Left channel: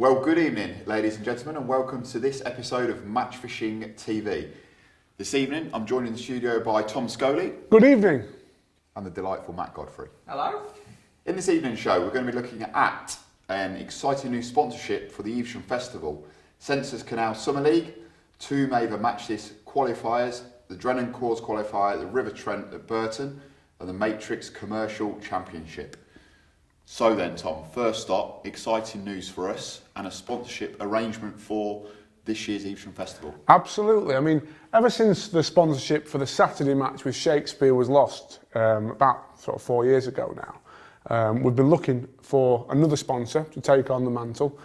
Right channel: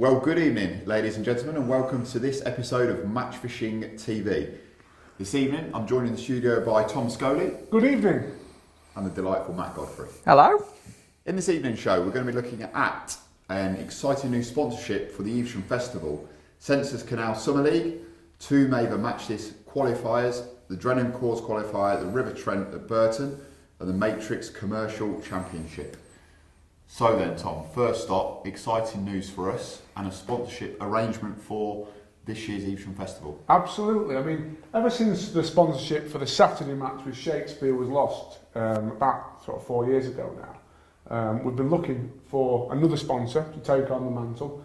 Well, good evening, ladies and gentlemen, and welcome to this episode of Match Fishing TV. This evening, I'm joined in the studio by Tom Scully. Good evening. And the delightful Matt Godfrey. Hello. In this evening's show, we're going to be looking at an exciting new sponsorship for the Evesham Festival, Sensas Canal Summer League, 2 Maver Match qualifiers, the Drennan Coors qualifier, the River Trent at Burton, and the Matrix Commercial Championship. So then, Tom, first stop, exciting news for us and a sponsorship arrangement for this year's Evesham Festival. Absolutely. I mean, ever since the sponsorship for the Saturday match with Shakespeare was lost about sort of 4 years ago now, we've been looking for another sponsor to take on the mantle,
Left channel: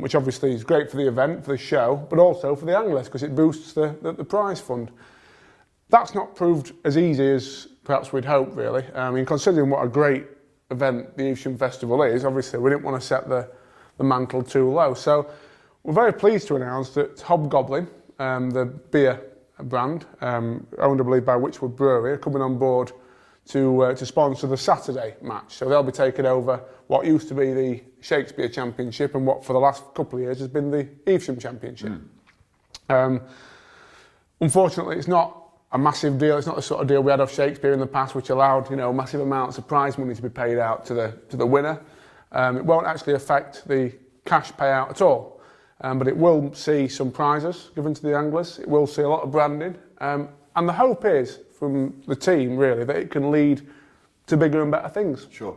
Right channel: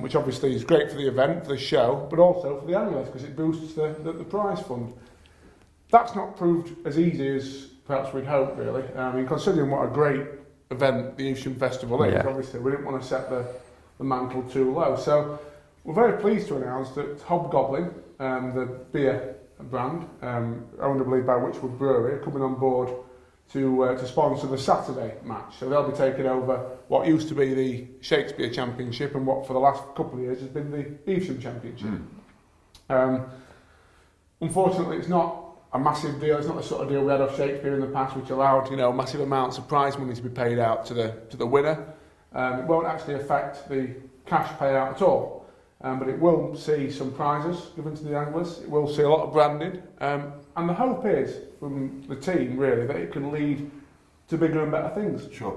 which obviously is great for the event, for the show, but also for the anglers because it boosts the prize fund. That's not proved as easy as perhaps we'd hoped, really. I mean, considering what a great event the Evesham Festival is, obviously we didn't want to set the mantle too low. So we're very pleased to announce that Hobgoblin, the beer brand, owned I believe by Witchwood Brewery, are coming on board to sponsor the Saturday match. So they'll be taking over what used to be the Shakespeare Championship and what for the last couple of years has been the Evesham Championship. Unfortunately, it's not a massive deal. It's not the sort of deal we had of Shakespeare in the past, which allowed massive amounts of prize money to be paid out to the winner. It won't actually affect the cash payout at all, but it will see some prizes given to the anglers. It will see a lot of branding, and the hope is from the team really that it can lead to bigger and better things. Sure.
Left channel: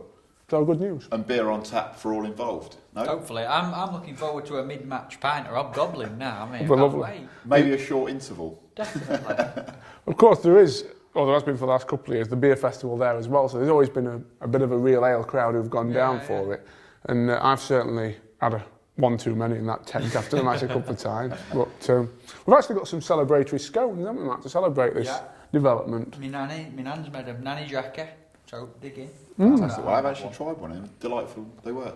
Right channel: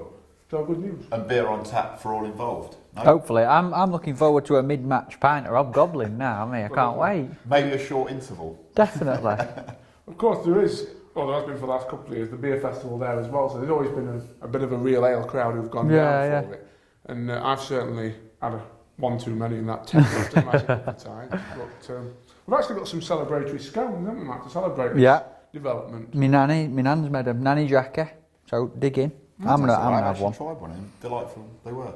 So good news. And beer on tap for all involved. No? Hopefully. I'm looking forward to a mid-match pint of Hobgoblin now. I can't wait. Maybe a short interval. Definitely. Of course, there has been for the last couple of years, the beer festival there as well, so there's always been a bit of a real ale crowd who've gone down for it. And I've certainly had one too many in that tent after the match a couple of times. But we've actually got some celebratory scones, haven't we, Matt, to celebrate this development. My nan's made them, nanny Jackie, so dig in. I've actually tried one and delightful they were.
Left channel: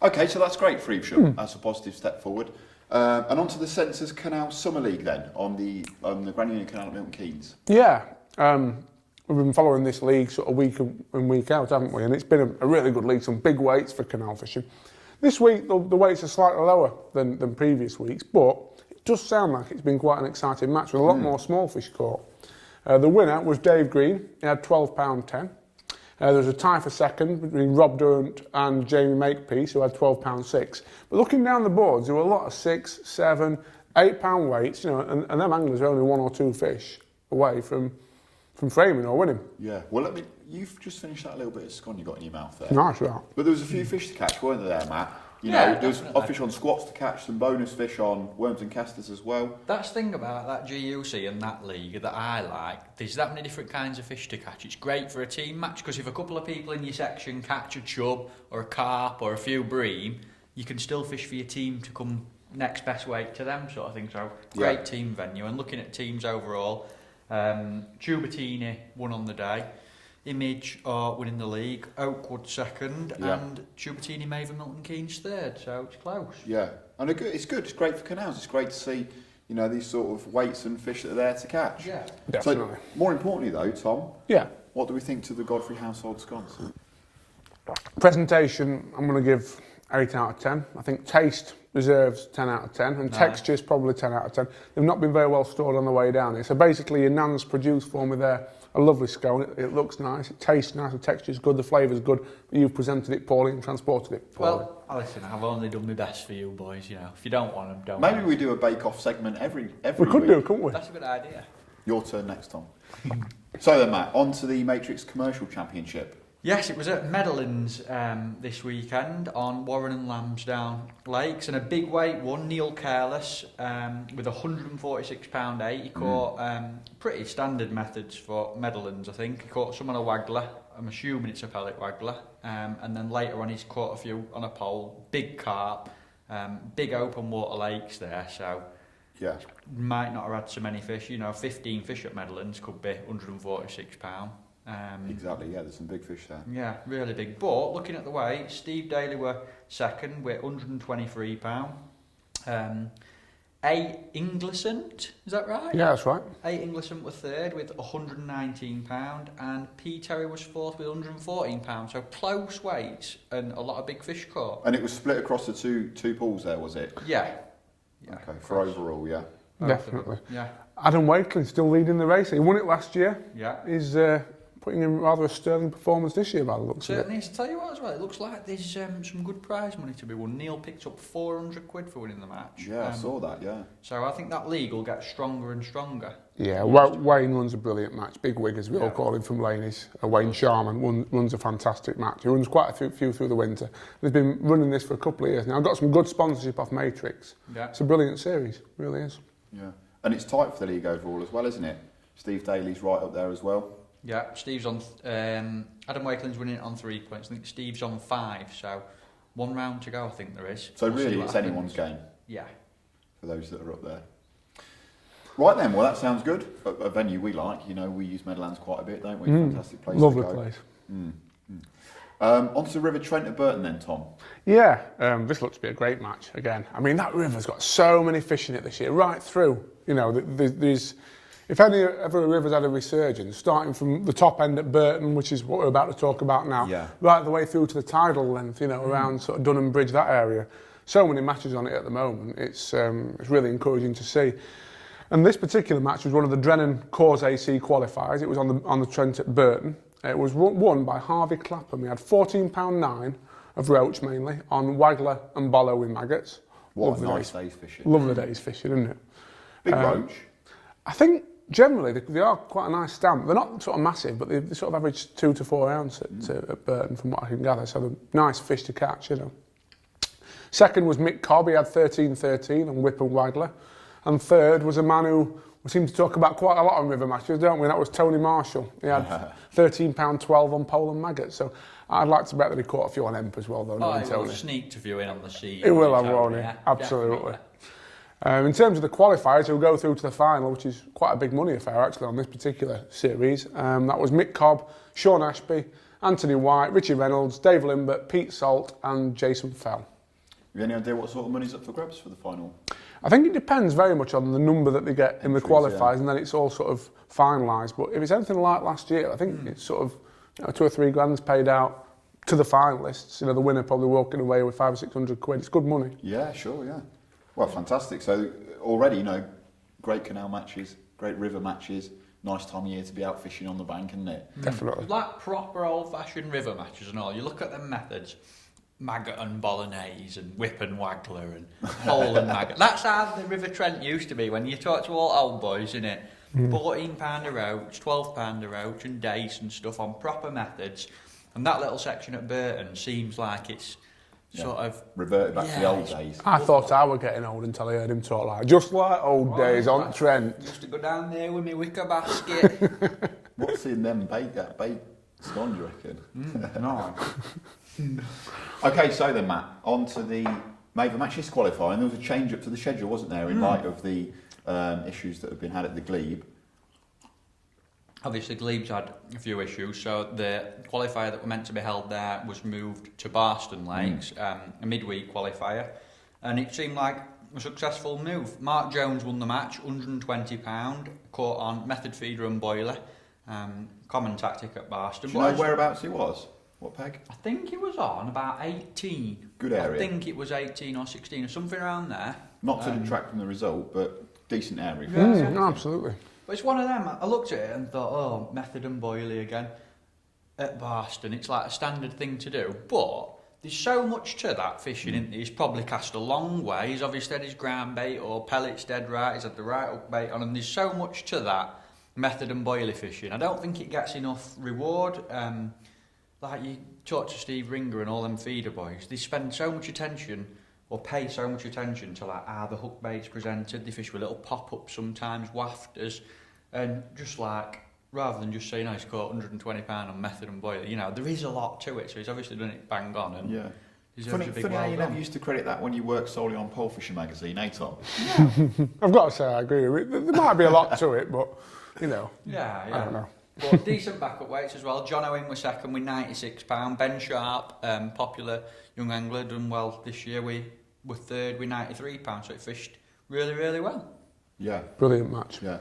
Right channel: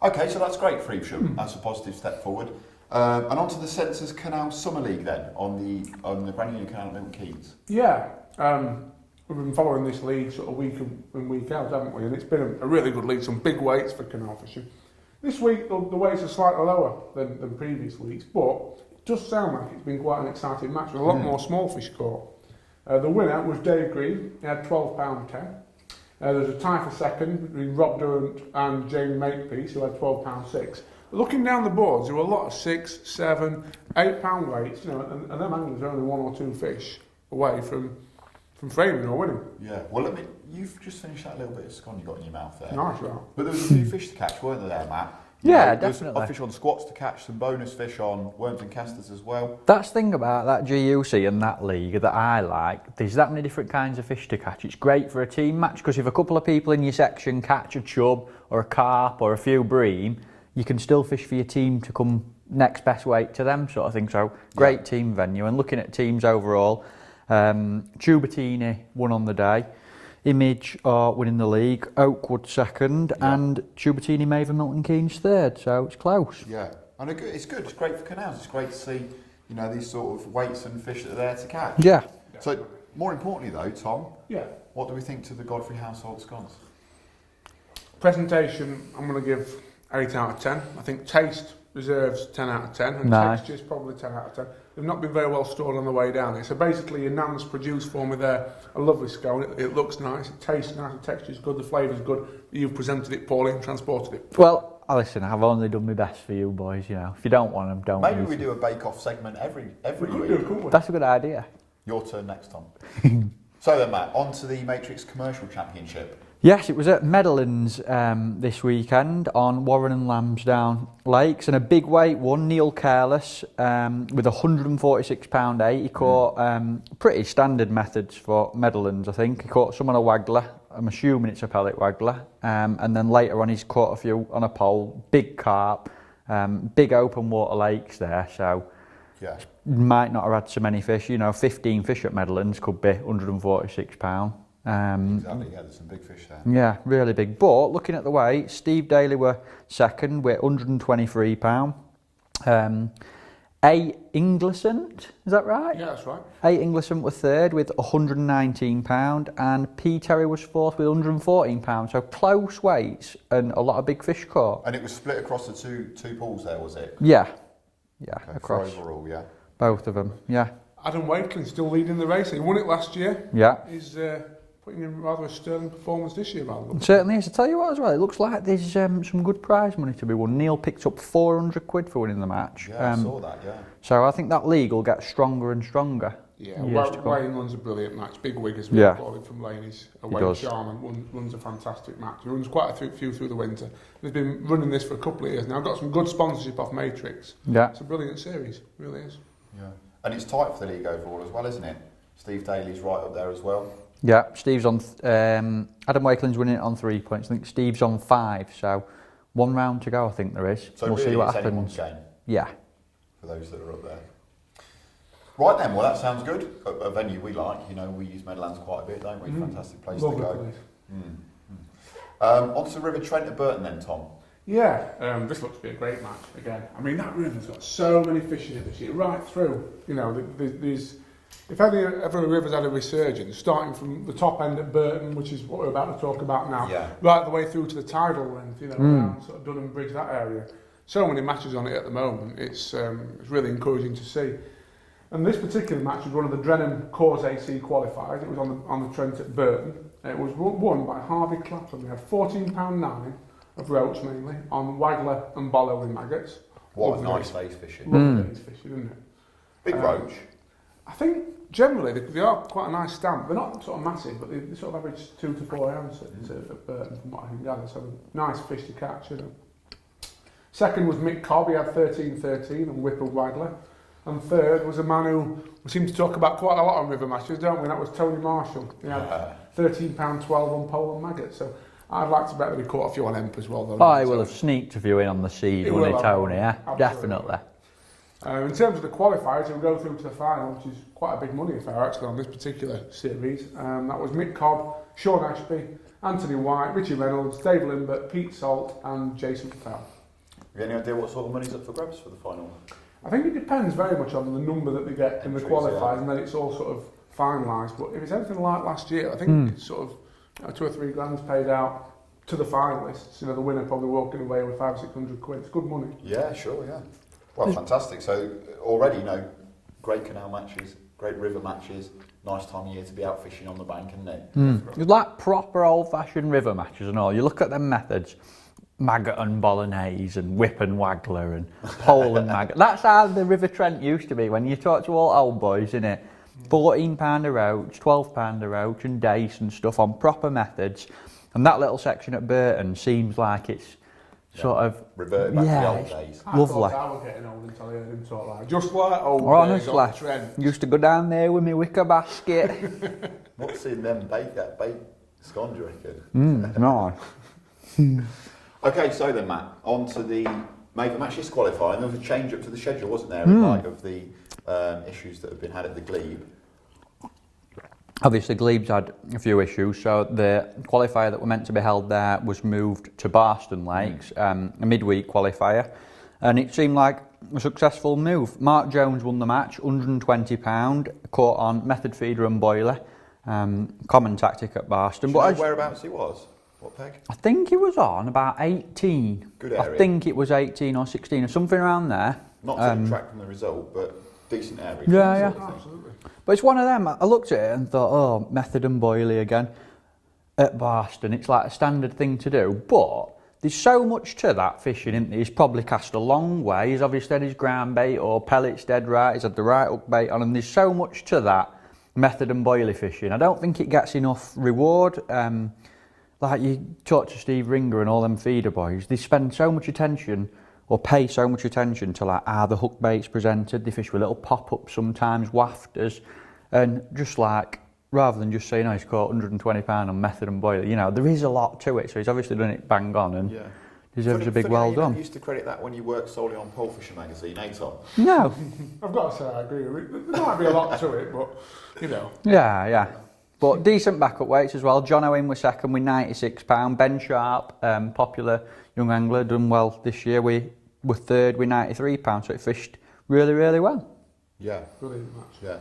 Okay, so that's great for Evesham. That's a positive step forward. And on to the Sensas Canal Summer League then, on the Grand Union Canal at Milton Keynes. Yeah, we've been following this league sort of week in, week out, haven't we? And it's been a really good league, some big weights for canal fishing. This week, the weights are slightly lower than previous weeks, but it does sound like it's been quite an exciting match with a lot more small fish caught. The winner was Dave Green. He had £12.10. There was a tie for second between Rob Durant and Jamie Makepeace, who had £12.6. But looking down the boards, there were a lot of £6, £7, £8 weights, and them anglers are only 1 or 2 fish away from framing or winning. Yeah, well, you've just finished that little bit of scone you got in your mouth there. Nice, that. But there was a few fish to catch, weren't there, Matt? There was a fish on squats to catch, some bonus fish on worms and casters as well. That's the thing about that GUC and that league that I like. There's that many different kinds of fish to catch. It's great for a team match because if a couple of people in your section catch a chub or a carp or a few bream, you can still fish for your team to come next best weight to them sort of thing. So great team venue. And looking at teams overall, Tubertini won on the day. Image are winning the league, Oakwood second, and Tubertini Maver Milton Keynes third, so it's close. Yeah, and it's good, it's great for canals, it's great to see, these sort of weights and fish that are there to catch. Yeah, definitely. So, more importantly though, Tom, what do we think to the Godfrey household scones? Presentation, I'm going to give 8 out of 10. I think taste reserves 10 out of 10, and texture's probably 10 out of 10. They've not been very well stored on the way down there. So basically, your nan's produced for me there a lovely scone. It looks nice, it tastes nice, the texture's good, the flavour's good. You've presented it poorly and transported it poorly. Well, listen, I've only done my best for you boys, If you don't want them, don't. Maybe we do a bake-off segment every we could week. Do, couldn't we? That's a good idea. Your turn next, Tom. So then, Matt, on to the Matrix Commercial Championship. Yes, it was at Meadowlands this weekend on Warren and Lambsdown Lakes, and a big weight won, Neil Careless, with £146.8. He caught pretty standard methods for Meadowlands, I think. He caught some on a waggler, I'm assuming it's a pellet waggler, and then later on he's caught a few on a pole, big carp, big open water lakes there, so might not have had so many fish. 15 fish at Meadowlands could be £146. Exactly, there's some big fish there. Yeah, really big. But looking at the weight, Steve Daly were second with £123. A. Inglisant, is that right? Yeah, that's right. A. Inglisant were third with £119 and P. Terry was fourth with £114. So close weights and a lot of big fish caught. And it was split across the two pools there, was it? Yeah. Yeah. Okay, for overall, yeah. Both of them. Definitely. Yeah. Adam Wakeling still leading the race. He won it last year. Yeah. He's putting in rather a sterling performance this year, by the looks of it. Certainly is. I tell you what as well, it looks like there's some good prize money to be won. Neil picked up £400 for winning the match. Yeah, I saw that, yeah. So I think that league will get stronger and stronger. Yeah, Wayne runs a brilliant match. Big wig as well, Yeah. calling from Laney's. Wayne does. Sharman runs a fantastic match. He runs quite a few through the winter. They've been running this for a couple of years now. Got some good sponsorship off Matrix. Yeah. It's a brilliant series, really is. Yeah. And it's tight for the league overall as well, isn't it? Steve Daly's right up there as well. Yeah, Steve's on. Adam Wakeling's winning it on 3 points. I think Steve's on 5. So 1 round to go. I think there is. So We'll see really, what it's happens. anyone's game Yeah. for those that are up there. Right then, well that sounds good. A venue we like, you know, we use Meadowlands quite a bit, don't we? Fantastic place Lovely to go. place. Onto the River Trent at Burton then, Tom. Yeah, this looks to be a great match again. I mean, that river's got so many fish in it this year, right through. You know, there's if ever a river's had a resurgence, starting from the top end at Burton, which is what we're about to talk about now, Yeah. right the way through to the tidal length, you know, around sort of Dunham Bridge, that area. So many matches on it at the moment. It's really encouraging to see. And this particular match was one of the Drennan Coors AC qualifiers. It was on the Trent at Burton. It was won by Harvey Clapham. He had £14.9 of roach mainly on waggler and bollow with maggots. What a Lovely nice days. day's fishing. Lovely days fishing, isn't it? Big roach. I think generally they are quite a nice stamp. They're not sort of massive, but they sort of average 2 to 4 ounce at Burton from what I can gather. So they're nice fish to catch, you know. Second was Mick Cobb. He had 13-13 on whip and waggler. And third was a man who we seem to talk about quite a lot on river matches, don't we? That was Tony Marshall. He had £13.12 on pole and maggot. So I'd like to bet that he caught a few on Emp as well. Though, Oh, he will have sneaked a few in on the seed, He won't will he, have, Tony? Yeah, absolutely. definitely. In terms of the qualifiers, who go through to the final, which is quite a big money affair actually on this particular series. That was Mick Cobb, Sean Ashby, Anthony White, Richie Reynolds, Dave Limbert, Pete Salt and Jason Fell. Have you any idea what sort of money's up for grabs for the final? I think it depends very much on the number that they get in the Entries, qualifiers, yeah. and then it's all sort of finalised. But if it's anything like last year, I think it's sort of 2 or 3 grand's paid out to the finalists. You know, the winner probably walking away with 500 or 600 quid. It's good money. Yeah, sure, yeah. Well, fantastic. So already, you know, great canal matches, great river matches, nice time of year to be out fishing on the bank, isn't it? Definitely. It's like proper old-fashioned river matches and all. You look at them methods, maggot and bolognese and whip and waggler and pole and maggot. That's how the River Trent used to be when you talk to all old boys, innit? £14 a roach, £12 a roach and dace and stuff on proper methods. And that little section at Burton seems like it's sort of... Reverted back to the Yeah, old it's- days. I Lovely. thought I was getting old until I heard him talk like just like old days on Honestly, Trent. used to go down there with my wicker basket. What's in them bait scone, do you reckon? No. Okay, so then, Matt, on to the Maver Match qualifier, and there was a change up to the schedule, wasn't there, in light of the issues that have been had at the Glebe? Obviously, Glebe's had a few issues, so the qualifier that were meant to be held there was moved to Barston Lakes, a midweek qualifier, and it seemed like a successful move. Mark Jones won the match, £120, caught on method feeder and boiler, common tactic at Barston. Do you But know as- whereabouts he was? What peg? I think he was on about 18. Good area. I think it was 18 or 16 or something around there. Not to detract from the result, but decent area. Yeah, No, absolutely. But it's one of them, I looked at it and thought, oh, method and boilie again at Barston. It's like a standard thing to do. But there's so much to that fishing, isn't there? He's probably cast a long way. He's obviously had his ground bait or pellets dead right. He's had the right hook bait on. And there's so much to that method and boilie fishing. I don't think it gets enough reward. Like you talk to Steve Ringer and all them feeder boys, they spend so much attention or pay so much attention to like how the hook bait's presented. They fish with little pop-ups sometimes, wafters, and just like, rather than just saying, oh, he's caught £120 on method and boiler, you know, there is a lot to it, so he's obviously done it bang on and deserves a big funny how well you done. never used to credit that when you worked solely on Pole Fishing magazine, eh, Tom? No. I've got to say I agree with it. There might be a lot to it, but, you know. Yeah, I yeah. don't know. But decent backup weights as well. John Owen was second with £96. Ben Sharp, popular young angler, done well this year. We were third with £93, so it fished really, really well. Yeah. Brilliant match. Yeah.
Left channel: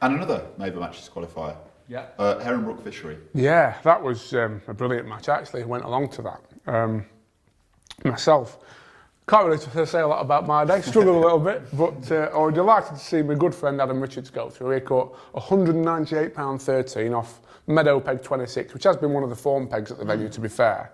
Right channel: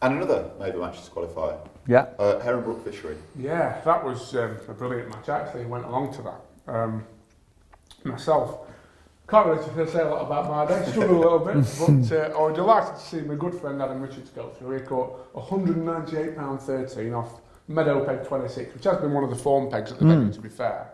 And another Maver Matches qualifier. Yeah. Herringbrook Fishery. Yeah, that was a brilliant match. I actually went along to that myself. Can't really say a lot about my day, struggled a little bit, but I was delighted to see my good friend Adam Richards go through. He caught £198.13 off Meadow Peg 26, which has been one of the form pegs at the venue, to be fair.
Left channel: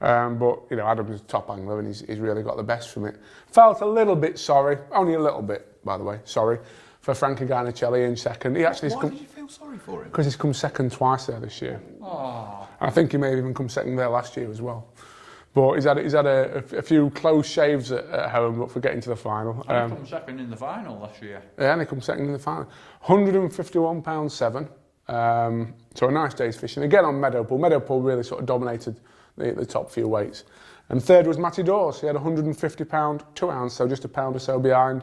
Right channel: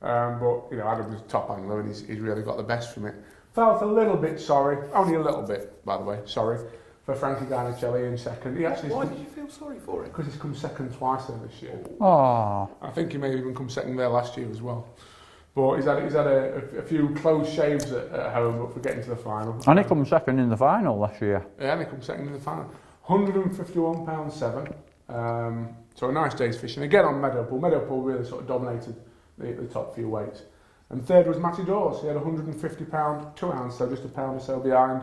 But, you know, Adam was top angler and he's really got the best from it. Felt a little bit sorry, only a little bit, by the way, sorry, for Frankie Garnicelli in second. Why did you feel sorry for him? Because he's come second twice there this year. Oh. I think he may have even come second there last year as well. But he's had a few close shaves at home, but for getting to the final. And he come second in the final last year. Yeah, and he come second in the final. £151.7. So a nice day's fishing. Again on Meadowpool. Meadowpool really sort of dominated the top few weights. And third was Matty Dawes. He had £150 2 ounce, so just a pound or so behind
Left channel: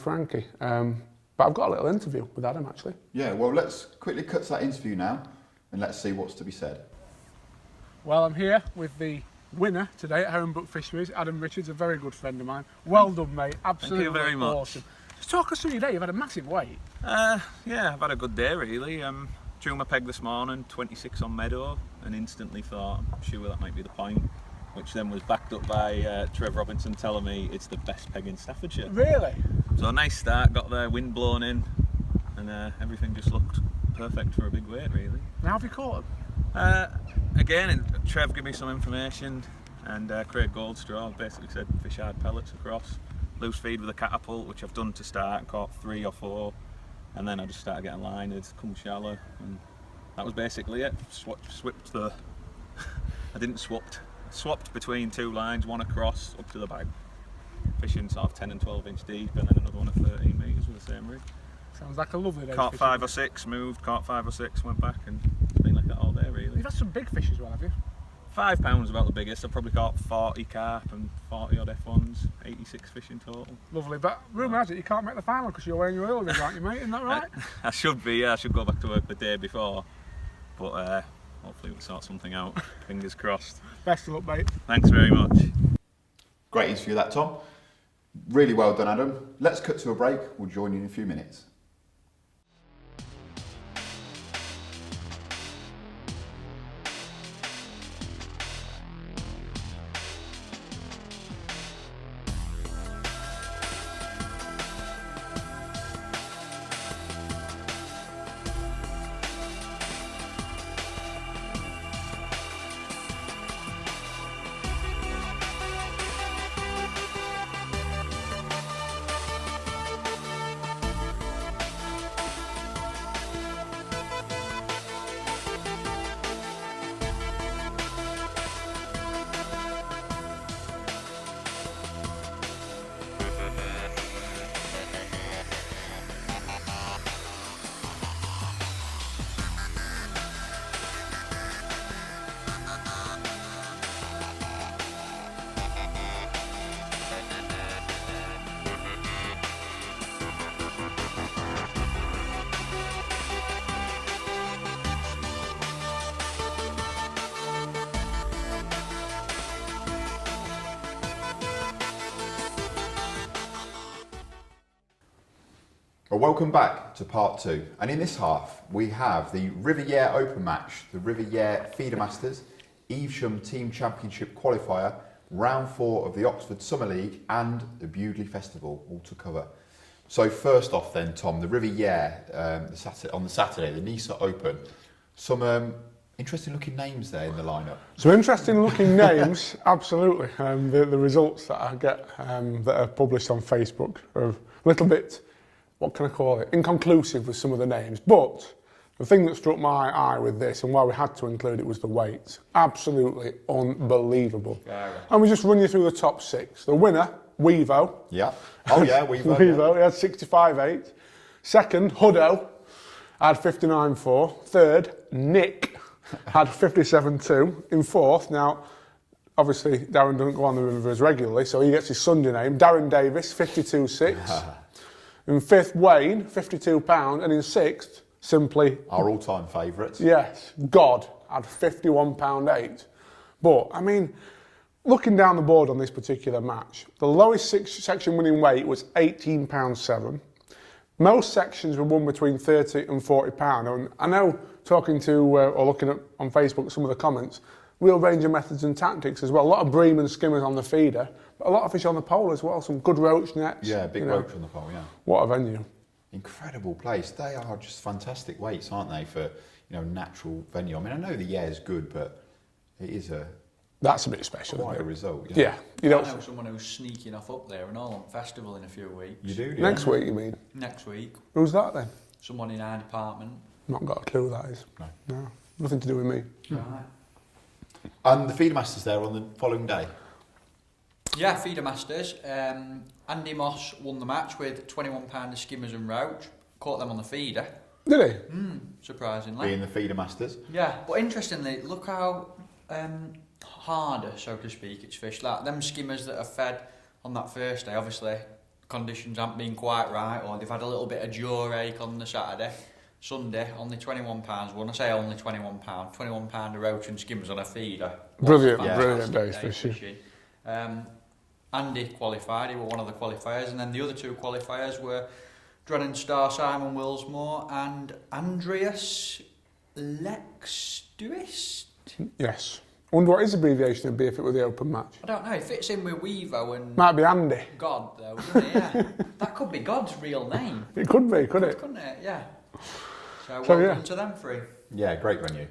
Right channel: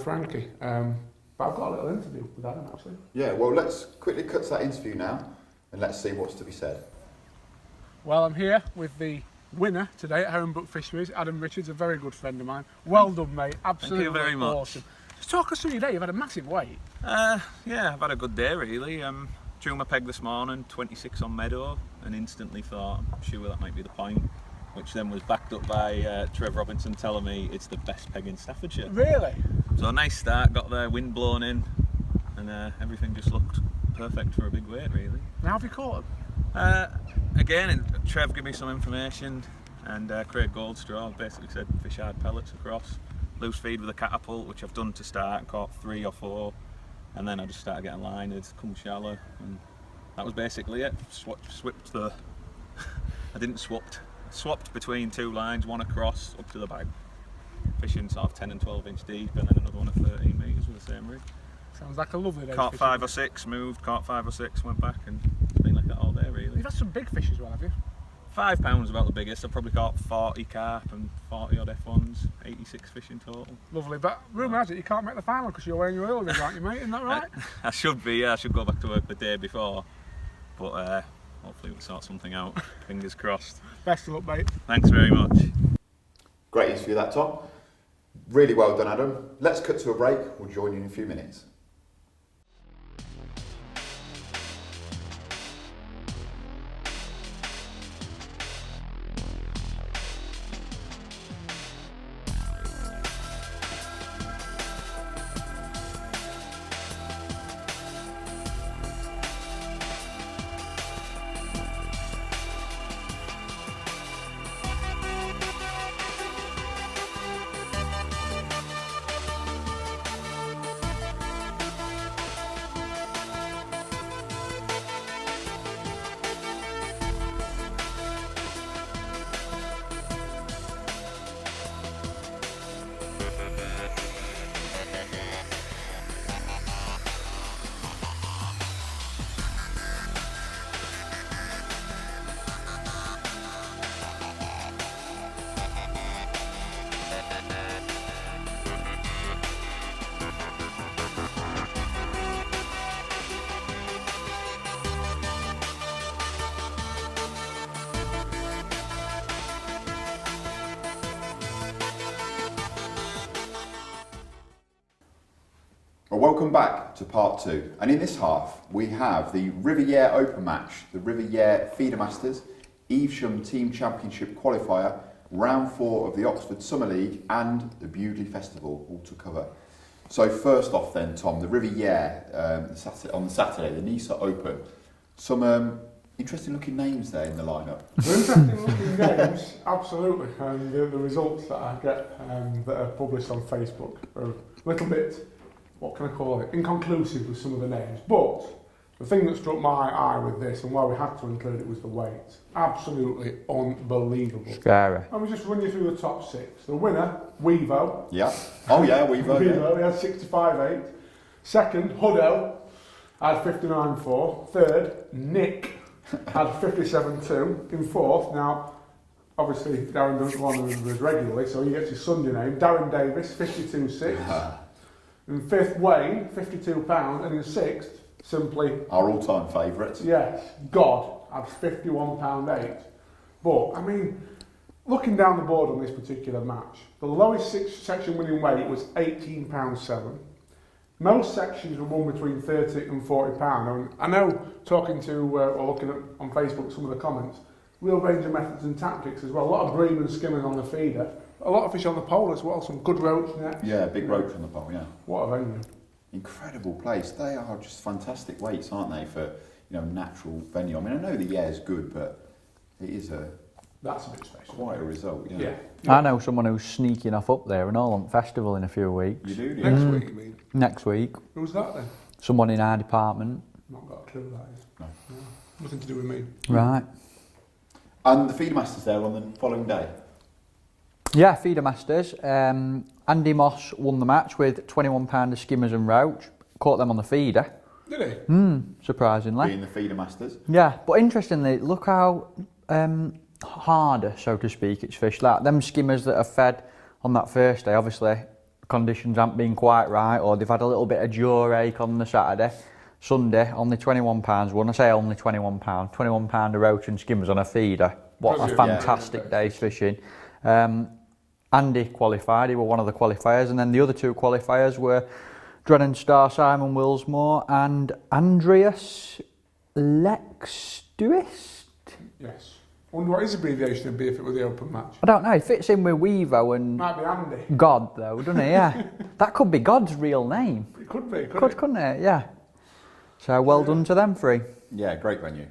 Frankie. But I've got a little interview with Adam actually. Yeah, well, let's quickly cut to that interview now and let's see what's to be said. Well, I'm here with the winner today at Herringbrook Fisheries, Adam Richards, a very good friend of mine. Well done, mate. Absolutely. Thank you very much. Awesome. Just talk us through your day. You've had a massive weight. Yeah, I've had a good day really. Drew my peg this morning, 26 on Meadow, and instantly thought, I'm sure that might be the point, which then was backed up by Trev Robinson telling me it's the best peg in Staffordshire. Really? So a nice start, got the wind blown in, and everything just looked perfect for a big weight really. Now have you caught him? Again, Trev gave me some information, and Craig Goldstraw basically said fish hard pellets across, loose feed with a catapult, which I've done to start, caught 3 or 4, and then I just started getting lined, come shallow, and that was basically it. Swapped the, I didn't swapped between 2 lines, one across up to the bag, fishing sort of 10 and 12 inch deep, and then another one at 13 metres with the same rig. Sounds like a lovely day. Caught 5 or 6, moved, caught 5 or 6, went back, and it's been like that all day really. You've had some big fish as well, have you? £5 about the biggest. I've probably caught 40 carp and 40 odd F1s, 86 fish in total. Lovely, but rumour has it you can't make the final because you're wearing your oil rig, aren't you, mate? Isn't that right? I should be, yeah, I should go back to work the day before, but hopefully we'll sort something out, fingers crossed. Best of luck, mate. Thanks very much. Great interview that, Tom. Really well done, Adam. Let's cut to a break. We'll join you in a few minutes. Well, welcome back to part 2, and in this half we have the River Yare Open Match, the River Yare Feedermasters, Evesham Team Championship Qualifier, Round 4 of the Oxford Summer League and the Bewdley Festival, all to cover. So first off then, Tom, the River Yare on the Saturday, the Nisa Open, some interesting looking names there in the lineup. So interesting looking names, absolutely. The results that I get that are published on Facebook are a little bit, what can I call it, inconclusive with some of the names. But the thing that struck my eye with this and why we had to include it was the weight. Absolutely unbelievable. Scary. And we just run you through the top 6. The winner, Wevo. Yeah. Oh yeah, Wevo. Wevo, he had 65.8. Second, Huddo, had 59.4. Third, Nick, had 57.2. In fourth, now, obviously Darren doesn't go on the rivers regularly, so he gets his Sunday name, Darren Davis, 52.6. In fifth, Wayne, £52. And in sixth, simply... our all-time favourite. Yes, God, had £51.8. But, I mean, looking down the board on this particular match, the lowest section winning weight was £18.7. Most sections were won between £30 and £40. And I know, talking to or looking at on Facebook some of the comments, real range of methods and tactics as well. A lot of bream and skimmers on the feeder, but a lot of fish on the pole as well. Some good roach nets. Yeah, big roach on the pole. Yeah. What a venue! Incredible place. They are just fantastic weights, aren't they, for natural venue. I mean, I know the Yare's good, but it is That's a bit special. quite a result. Yeah. I know someone who's sneaking off up there and all on festival in a few weeks. You do? Next week, you mean? Next week. Who's that then? Someone in our department. Not got a clue who that is. No. Nothing to do with me. Right. And the Feedermasters there on the following day. Yeah, Feedermasters. Andy Moss won the match with £21 of skimmers and roach. Caught them on the feeder. Did he? Surprisingly. Being the Feedermasters. Yeah, but interestingly, look how harder, so to speak, it's fished. Like them skimmers that are fed on that first day, obviously conditions haven't been quite right, or they've had a little bit of jaw ache on the Saturday. Sunday, only £21 won. I say only £21. £21 of roach and skimmers on a feeder. What Brilliant. a fantastic Brilliant day's fishing. Andy qualified, he was one of the qualifiers, and then the other two qualifiers were Drennan star Simon Willsmore and Andreas Lexduist. Yes. I wonder what his abbreviation would be if it were the open match. I don't know, he fits in with Wevo and Might be Andy. God though, doesn't he? Yeah. That could be God's real name. It could be, couldn't it? Couldn't it? Yeah. So well yeah. done to them three. Yeah, great venue.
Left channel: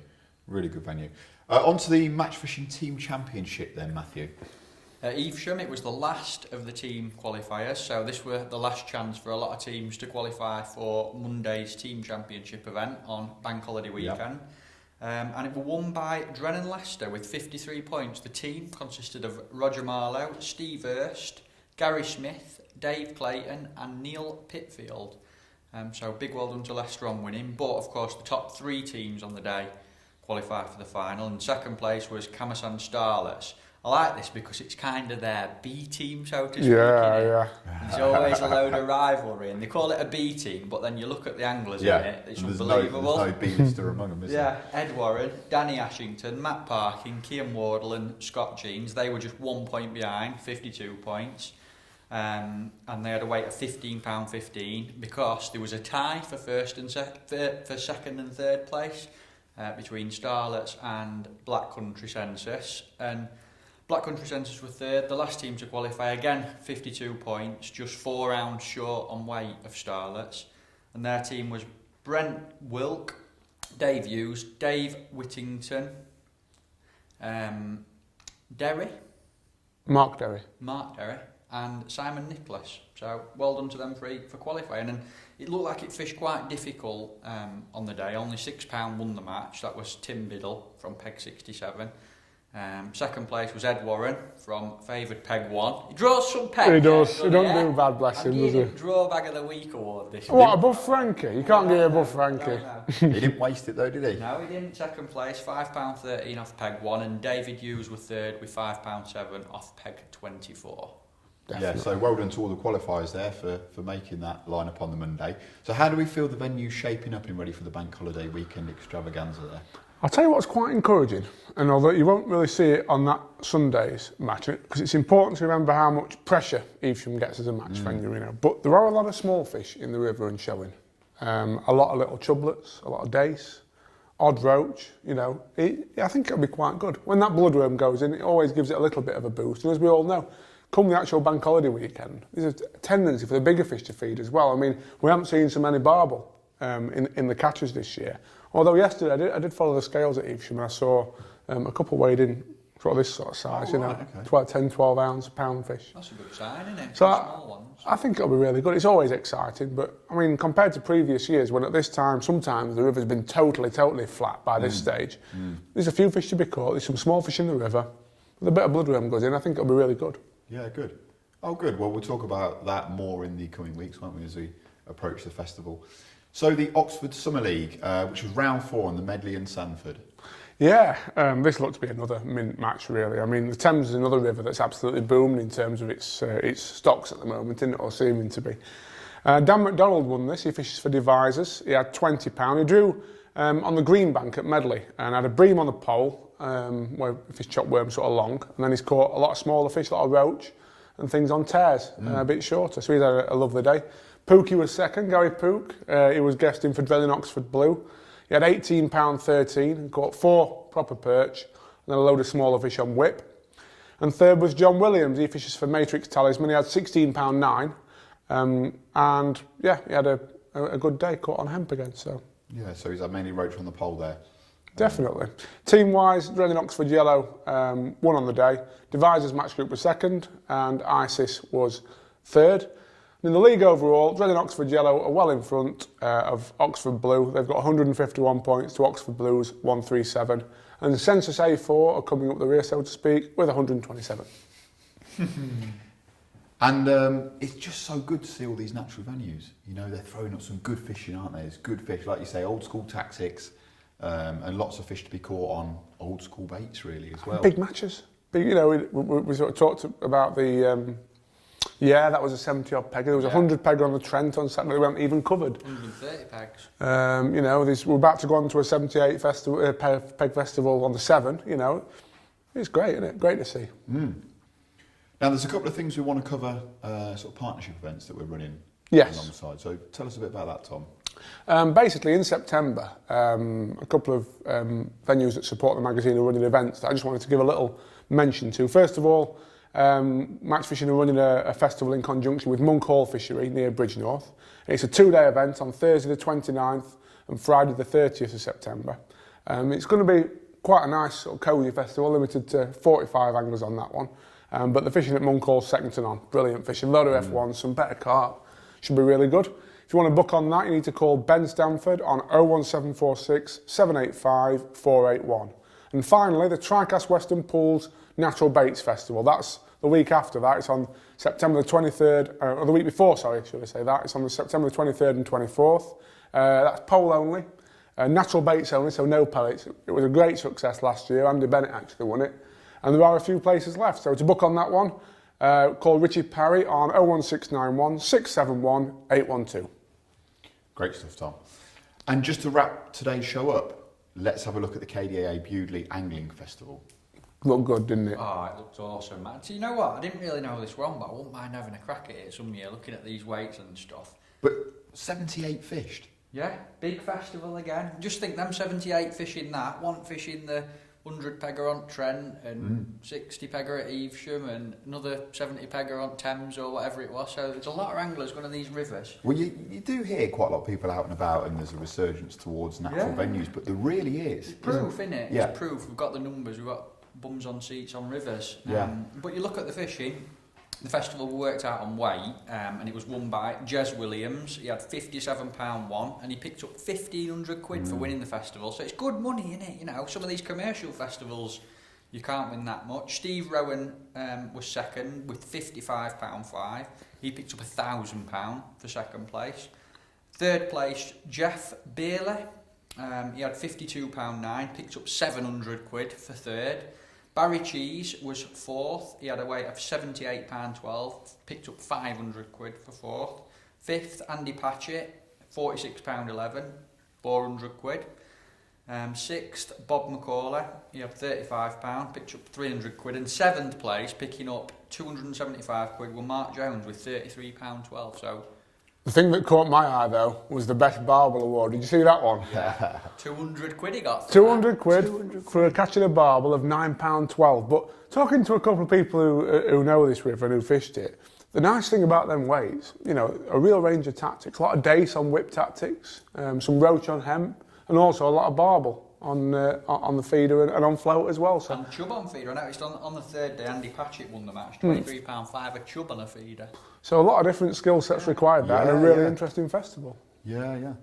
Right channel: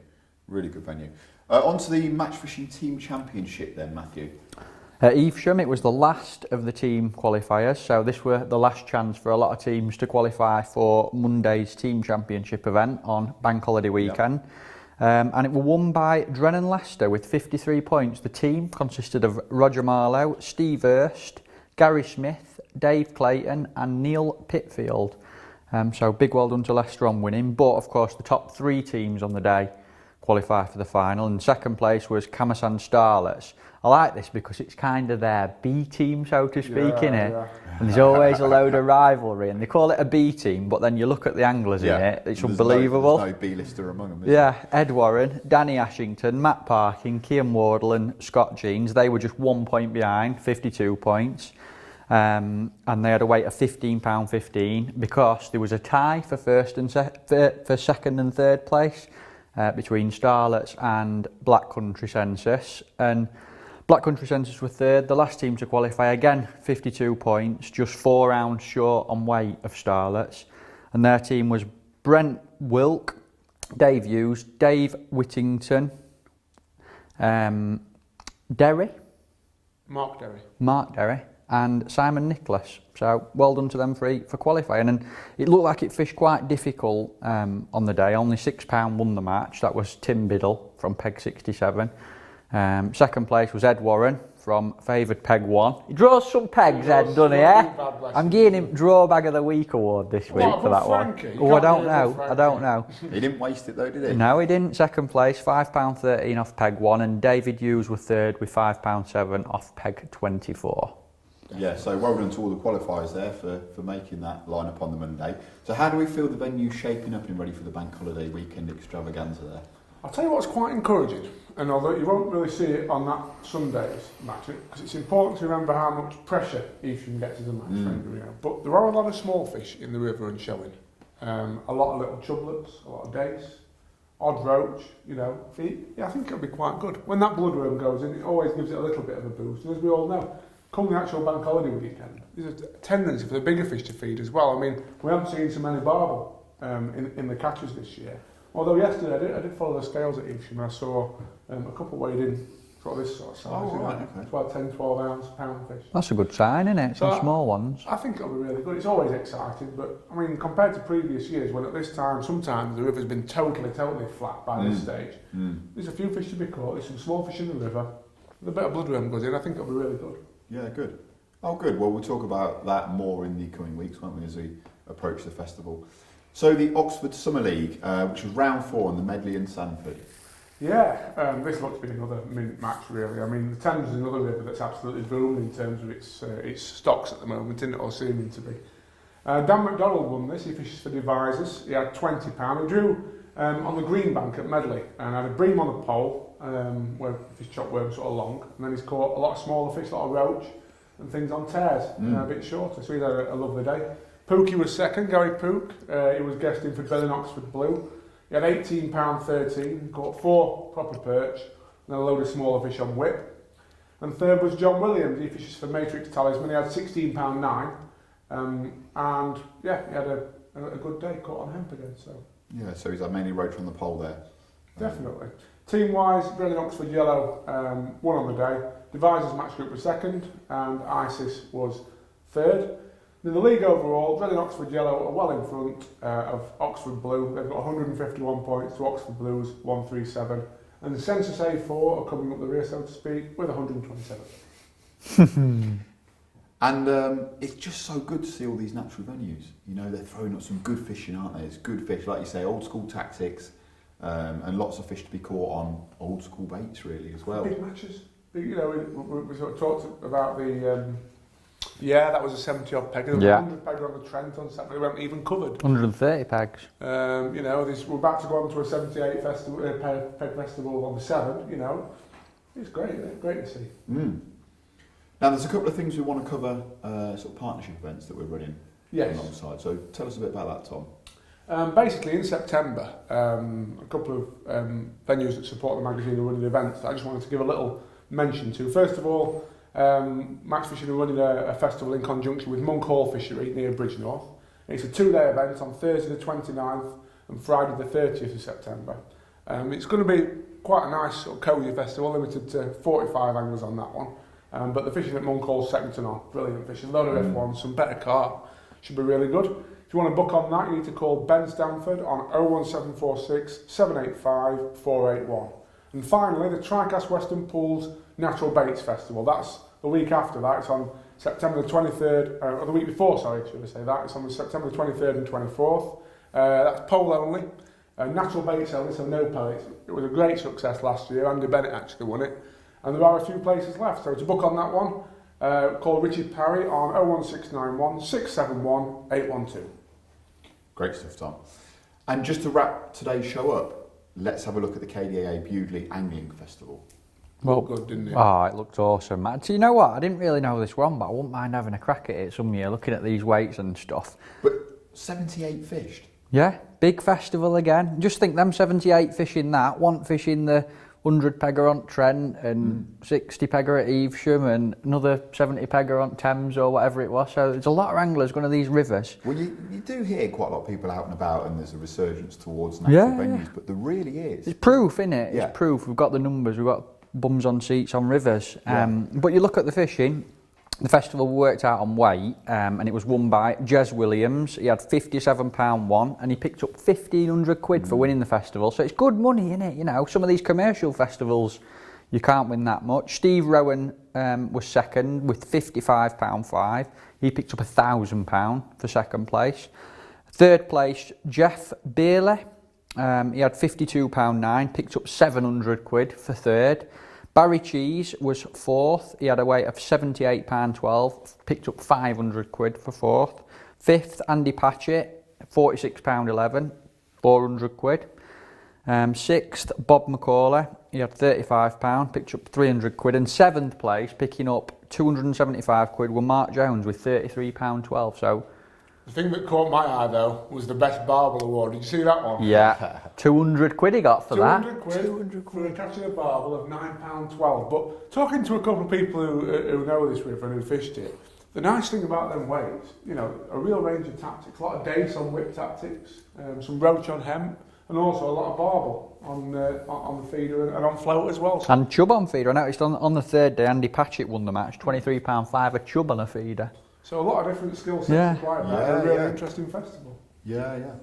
Really good venue. On to the Match Fishing Team Championship then, Matthew. At Evesham, it was the last of the team qualifiers, so this were the last chance for a lot of teams to qualify for Monday's team championship event on Bank Holiday weekend. And it was won by Drennan Leicester with 53 points. The team consisted of Roger Marlowe, Steve Hurst, Gary Smith, Dave Clayton and Neil Pitfield. So big well done to Leicester on winning, but of course the top three teams on the day qualify for the final, and second place was Camasan Starlets. I like this because it's kind of their B team, so to speak, innit? Yeah. And there's always a load of rivalry, and they call it a B team, but then you look at the anglers in it, it's unbelievable. There's no B-lister among them, is Yeah, Ed Warren, Danny Ashington, Matt Parkin, Cian Wardle and Scott Jeans, they were just 1 point behind, 52 points. And they had a weight of £15.15 because there was a tie for second and third place between Starlets and Black Country Sensas, and Black Country Sensas were third. The last team to qualify, again 52 points, just 4 rounds short on weight of Starlets, and their team was Brent Wilk, Dave Hughes, Dave Whittington, Derry, Mark Derry. And Simon Nicholas. So well done to them three for qualifying. And it looked like it fished quite difficult on the day. Only £6 won the match. That was Tim Biddle from Peg 67. Second place was Ed Warren from favoured Peg 1. He draws some pegs, doesn't he? I'm giving him Draw Bag of the Week award this week for that Frankie? one. I don't know. He didn't waste it though, did he? No, he didn't. Second place, £5.13 off Peg 1, and David Hughes was third with £5.7 off Peg 24. Definitely. Yeah, so well done to all the qualifiers there for making that lineup on the Monday. So how do we feel the venue shaping up and ready for the Bank Holiday weekend extravaganza there? I'll tell you what's quite encouraging, and although you won't really see it on that Sunday's match, because it's important to remember how much pressure Evesham gets as a match venue, but there are a lot of small fish in the river and showing. A lot of little chublets, a lot of dace, odd roach, I think it'll be quite good. When that bloodworm goes in, it always gives it a little bit of a boost, and as we all know, come the actual Bank Holiday weekend, there's a tendency for the bigger fish to feed as well. I mean, we haven't seen so many barbel in the catches this year. Although yesterday I did follow the scales at Evesham and I saw a couple weighed in sort of this sort of size, It's about 10, 12 ounce pound fish. That's a good sign, isn't it? So Some small ones. I think it'll be really good. It's always exciting, but I mean, compared to previous years, when at this time, sometimes the river's been totally flat by this stage, there's a few fish to be caught, there's some small fish in the river, with a bit of bloodworm goes in, I think it'll be really good. Yeah, good. Oh, good. Well, we'll talk about that more in the coming weeks, won't we, as we approach the festival. So the Oxford Summer League, which was round 4 on the Medley and Sanford. Yeah, this looks to be another mint match, really. I mean, the Thames is another river that's absolutely booming in terms of its stocks at the moment, isn't it, or seeming to be. Dan McDonald won this. He fishes for Devisers. He had £20. He drew on the green bank at Medley and had a bream on the pole, where he fished chop worm sort of long, and then he's caught a lot of smaller fish, a lot of roach and things on tears, a bit shorter. So he's had a lovely day. Pookie was second, Gary Pook. He was guesting for Drennan Oxford Blue. He had £18.13 and caught 4 proper perch and then a load of smaller fish on whip. And third was John Williams. He fishes for Matrix Talisman. He had £16.9 and yeah, he had a good day, caught on hemp again. So Yeah, so he's had mainly roach on the pole there. definitely. Team-wise, Drennan Oxford Yellow won on the day. Devisers Match Group was second and ISIS was third. In the league overall, Drennan Oxford Yellow are well in front of Oxford Blue. They've got 151 points to Oxford Blue's 137. And the Sensas A4 are coming up the rear, so to speak, with 127. And it's just so good to see all these natural venues. You know, they're throwing up some good fishing, aren't they? It's good fish, like you say, old school tactics, and lots of fish to be caught on old school baits, really, as well. Big matches. Big, you know, we sort of talked about the Yare, that was a 70-odd peg. There was 100 peg on the Trent on Saturday. We weren't even covered. 130 pegs. You know, we're about to go on to a 78 festival, peg festival on the 7th. You know, it's great, isn't it? Great to see. Now, there's a couple of things we want to cover, sort of partnership events that we're running alongside. So tell us a bit about that, Tom. Basically, in September, a couple of venues that support the magazine are running events that I just wanted to give a little mention to. First of all, Match Fishing are running a festival in conjunction with Monk Hall Fishery near Bridgenorth. It's a 2-day event on Thursday the 29th and Friday the 30th of September. It's going to be quite a nice sort of cosy festival, limited to 45 anglers on that one. But the fishing at Monk Hall's second to none. Brilliant fishing, load of F1s, some better carp. Should be really good. If you want to book on that, you need to call Ben Stanford on 01746 785 481. And finally, the Tricast Western Pools Natural Baits Festival. That's the week after that. It's on September the 23rd, or the week before, sorry, should I say that. It's on September the 23rd and 24th. That's pole only, natural baits only, so no pellets. It was a great success last year. Andy Bennett actually won it. And there are a few places left. So to book on that one, call Richard Parry on 01691 671 812. Great stuff, Tom. And just to wrap today's show up, let's have a look at the KDAA Bewdley Angling Festival. Well, good, didn't it? Oh, it looked awesome. Do you know what? I didn't really know this one, but I wouldn't mind having a crack at it some year, looking at these weights and stuff. But 78 fished. Yeah, big festival again. Just think them 78 fishing that, one fishing the 100 pegger on Trent and 60 pegger at Evesham and another 70 pegger on Thames or whatever it was. So there's a lot of anglers going to these rivers. Well, you do hear quite a lot of people out and about, and there's a resurgence towards natural venues, but there really is. It's proof, isn't it? Yeah. It's proof. We've got the numbers, we've got bums on seats on rivers. Yeah. But you look at the fishing, the festival worked out on weight, and it was won by Jez Williams. He had £57 won, and he picked up 1,500 quid for winning the festival. So it's good money, isn't it? You know, some of these commercial festivals, you can't win that much. Steve Rowan was second with £55.5. He picked up £1,000 for second place. Third place, Jeff Beerley. He had £52.9, picked up 700 quid for third. Barry Cheese was fourth. He had a weight of £78.12, picked up 500 quid for fourth. Fifth, Andy Patchett, £46.11, 400 quid. Sixth, Bob McCauley. He had £35, picked up 300 quid. And seventh place, picking up 275 quid, were Mark Jones with £33.12. So The thing that caught my eye, though, was the Best Barbel Award. Did you see that one? Yeah, 200 quid he got for 200 quid for catching a barbel of £9.12. But talking to a couple of people who know this river and who fished it, the nice thing about them weights, you know, a real range of tactics, a lot of dace on whip tactics, some roach on hemp, and also a lot of barbel on the feeder and on float as well. So And chub on feeder. I noticed on the third day, Andy Patchett won the match, £23.5 a chub on a feeder. So a lot of different skill sets required there, and a really interesting festival. Yeah.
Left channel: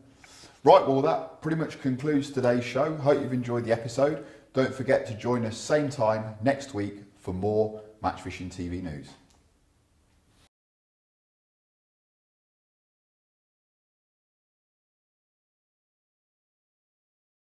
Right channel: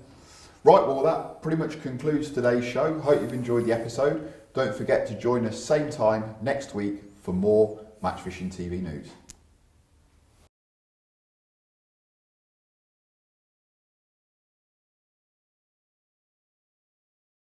Right, well that pretty much concludes today's show. Hope you've enjoyed the episode. Don't forget to join us same time next week for more Match Fishing TV news.